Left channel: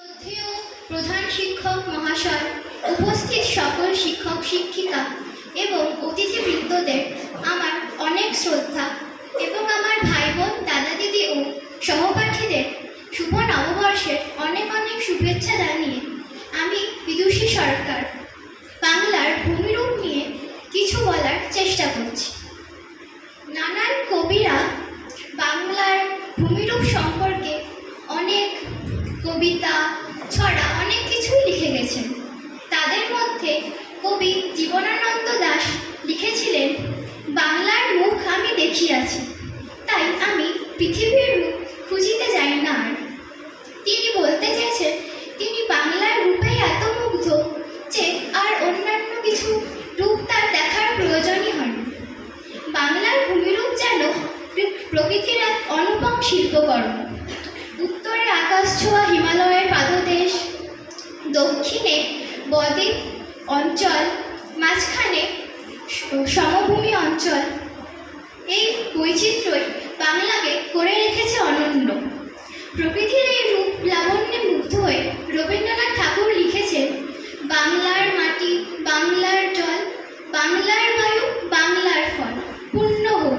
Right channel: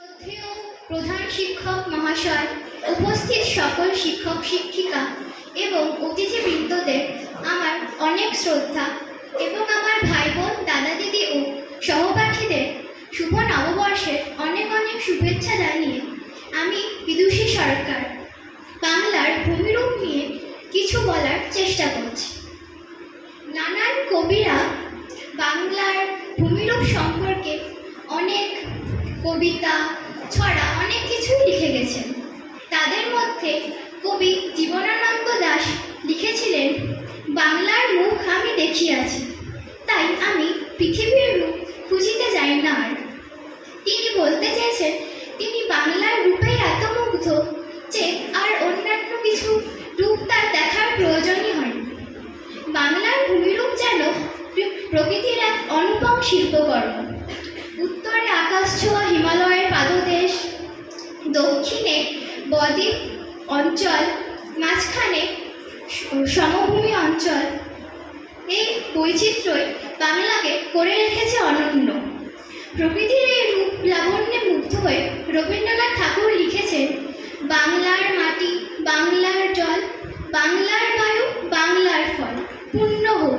শ্রদ্ধেয় প্রধান শিক্ষক মহাশয়, উপস্থিত সকল শিক্ষক শিক্ষিকা এবং অতিথিবৃন্দদের আমার অনেক শ্রদ্ধা এবং আমার ভাই বোন দাদা দিদি ও সহপাঠীদের শুভ নববর্ষের অনেক অনেক শুভেচ্ছা জানিয়ে আমি বিদুষী সরকার বাংলার ভূমিরূপ নিয়ে কিছু বলার চেষ্টা করছি। নানান কবিরা বাংলার ভূমিরূপ সম্পর্কে অনেক কবিতা ছড়া অনেক কিছুই লিখে গেছেন। তাদের মধ্যে কবি জীবনানন্দ দাশ লিখেছিলেন, বাংলার মুখ আমি দেখিয়াছি, তাই আমি পৃথিবীর রূপ খুঁজিতে যাই না আর। তিনি বলতে চেয়েছেন তিনি বাংলার রূপে এত মুগ্ধ যে আর অন্যান্য কিছু রূপ তার দেখার প্রয়োজনই হয় না। বাংলার ভূমিরূপ যেন প্রকৃতির এক অনুপম শিল্পকর্ম। উত্তরে আকাশ ছোঁয়া হিমালয়ের পাদদেশ, দক্ষিণে বদ্বীপ অঞ্চল, মাঝখানে সমভূমি অঞ্চল। এই বৈচিত্র্যই বাংলাকে করে রেখেছে অনন্য। প্রকৃতির এই রূপ লাবণ্যে মুগ্ধ হয়ে রবীন্দ্রনাথ ঠাকুর লিখেছেন, বাংলার মাটি, বাংলার জল, বাংলার বায়ু, বাংলার ফল, পূর্ণ হোক।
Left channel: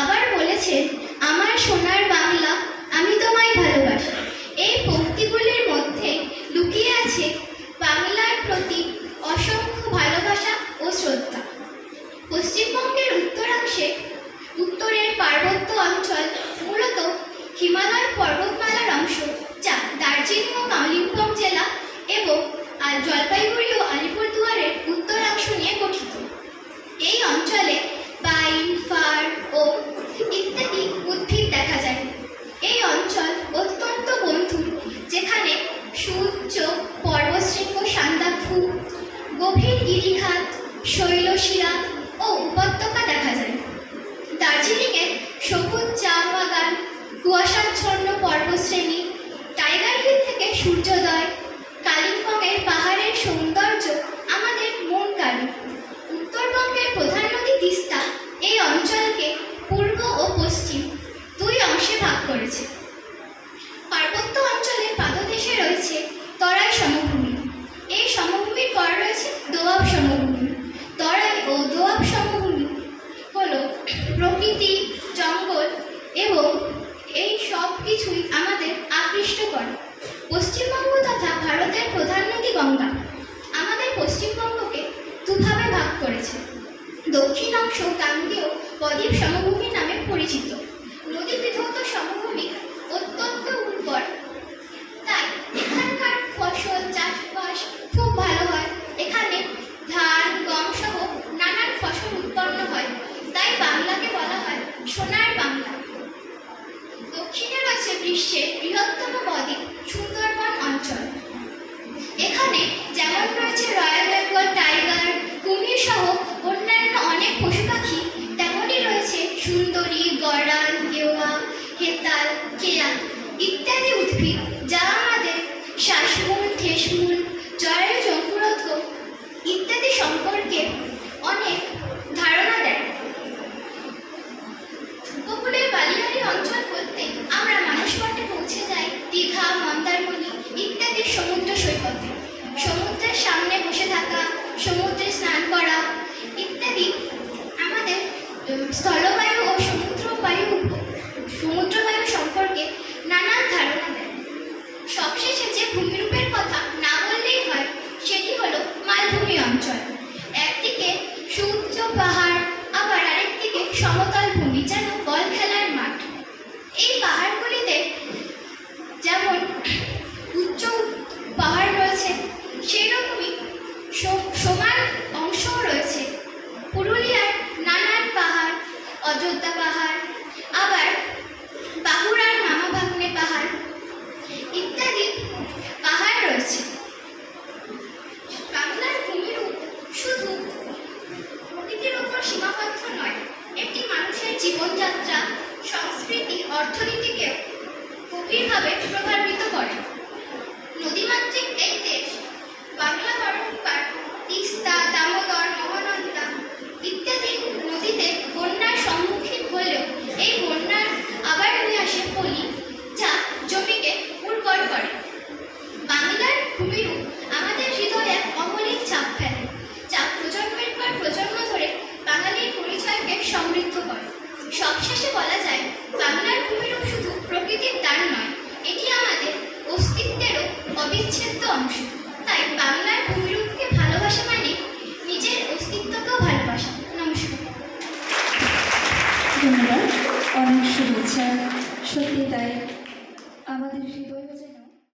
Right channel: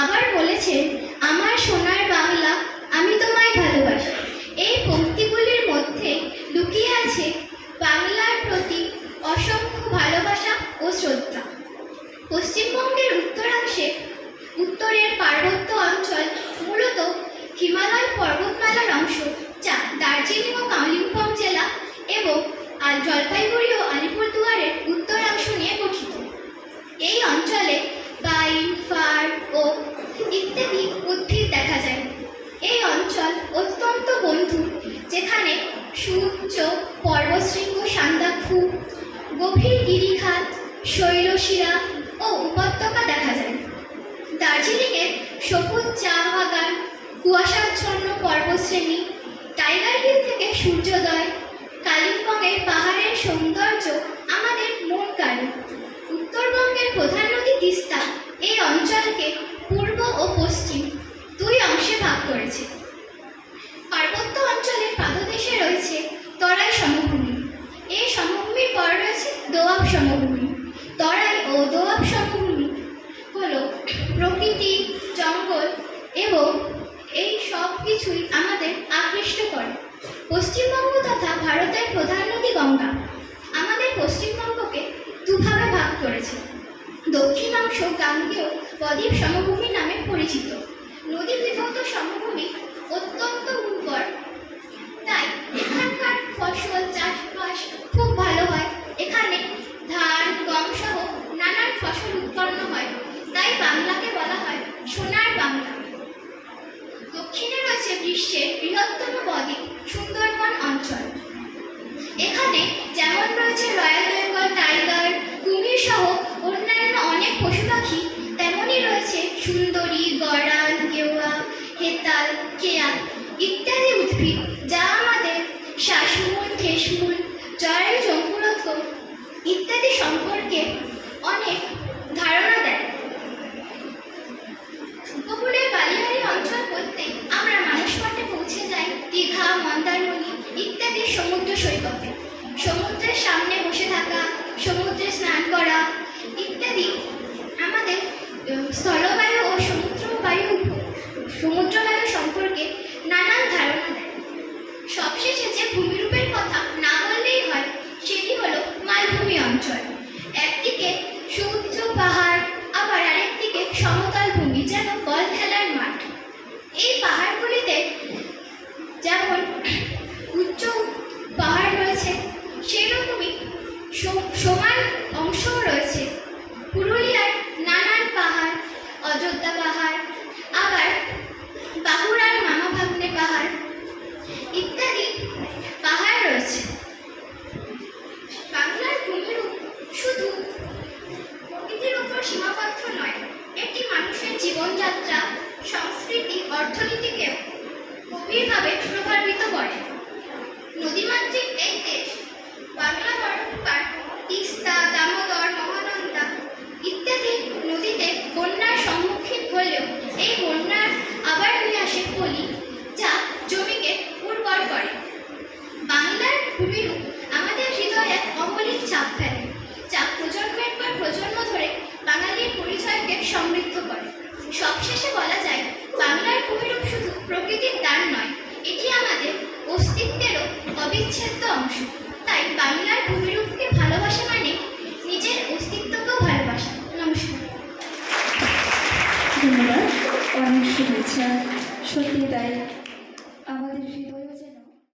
আবার বলেছেন, আমার সোনার বাংলা, আমি তোমায় ভালোবাসি। এই পংক্তিগুলির মধ্যে লুকিয়ে আছে বাংলার প্রতি অসংখ্য ভালোবাসা ও শ্রদ্ধা। পশ্চিমবঙ্গের উত্তরাংশে উত্তরের পার্বত্য অঞ্চল মূলত হিমালয় পর্বতমালার অংশ, যা দার্জিলিং ও কালিম্পং জেলা এবং জলপাইগুড়ি ও আলিপুরদুয়ারের উত্তরাংশ নিয়ে গঠিত। এই অঞ্চলে পাইন, ফার ও ইত্যাদি উদ্ভিদ দেখা যায়। এই অঞ্চল অত্যন্ত বন্ধুর, যেখানে সুউচ্চ পর্বতশৃঙ্গ সান্দাকফু, গভীর গিরিখাত, শৈলশিরা ও উপত্যকা দেখা যায়। দার্জিলিংয়ের সবুজ চা বাগান, কুয়াশাচ্ছন্ন পর্বতশ্রেণী, টাইগার হিল থেকে সূর্যোদয়, কালিম্পংয়ের পাহাড়ের সৌন্দর্য আমাদের মন কাড়ে। উত্তরবঙ্গের প্রধান নদী তিস্তা এই অঞ্চলকে পূর্ব ও পশ্চিম দুই অংশে ভাগ করেছে। পার্বত্য অঞ্চলের পাদদেশে রয়েছে তরাই সমভূমি। এই সমভূমির পর রয়েছে দোআব সমভূমি। তরাই ও দোআব সমভূমি হল প্রকৃতি, জঙ্গল এবং এই সব কিছুই আমাদের আকৃষ্ট করে। পশ্চিমবঙ্গ তথা ভারতের প্রধান নদী গঙ্গা আমাদের পশ্চিমবঙ্গকে দুভাবে ভাগ করেছে। দক্ষিণ অংশ গাঙ্গেয় বদ্বীপ সমভূমি নামে পরিচিত। নদী বিধৌত সমভূমি অত্যন্ত উর্বর, তাই এখানকার ফসল চাষবাস খুব ভালো হয়। এখানে ধান, গম সহ নানান ফসল উৎপন্ন হয়, তাই বাংলাকে বলা হয় সোনার বাংলা। দক্ষিণে রয়েছে বিশ্বের বৃহত্তম বদ্বীপ সুন্দরবন অঞ্চল। এখানে যেমন রয়েছে রয়্যাল বেঙ্গল টাইগার, কুমির সহ অন্যান্য অনেক পশু পাখি, তেমনই রয়েছে সুন্দরী, গড়াল, গেওয়া, হেতাল, কেয়া ইত্যাদি উদ্ভিদ, যা আমাদের শ্বাসমূল, ঠেসমূল, জরায়ু জঙ্কুরোধ ইত্যাদি সম্পর্কে অনেক ধারণা দেয়। উপকূলের বালিয়াড়ি অঞ্চল বলতে আমরা মানুষ মাঠে পৌঁছে যাই দীঘা, মন্দারমণি ইত্যাদি সমুদ্র সৈকতে। সমুদ্রের সামনে বসে থাকা, সমুদ্রে স্নান করা ইত্যাদি আমাদের স্থলবায়ু ও সমুদ্রবায়ু সম্পর্কে নানান ধারণা দেয়। সবশেষে যে ভূমিরূপের কথা না বললেই হয়, সেটি হলো মালভূমি অঞ্চল। একদিকে সুউচ্চ পাহাড়, আবার আরেকদিকে সমতল ভূমি, যেন বল খেলার মাঠ। এই পাহাড়গুলিতে যেমন উচ্চ পাহাড় রয়েছে, সেই রকমই সমান অংশও রয়েছে। পুরুলিয়ার নানান পাহাড়, অযোধ্যা পাহাড়, আবার বাঁকুড়ার মামা ভাগ্নে পাহাড় ইত্যাদি পাহাড় রয়েছে। বাংলার ভূমিরূপ শুধু প্রকৃতির উপর সীমাবদ্ধ নয়, এটি মানুষের জীবনযাত্রা, সংস্কৃতি, অর্থনীতিকেও গভীরভাবে প্রভাবিত করে। নদীমাতৃক এই দেশ বাংলা বারংবার তিস্তা, দামোদর, মহানন্দা ইত্যাদি নদীতে বন্যার সম্মুখীন হলেও এই বন্যার আবার নিয়ে আসে পলি, যা জমিকে উর্বর করে। আচ্ছা, সত্যি তাই।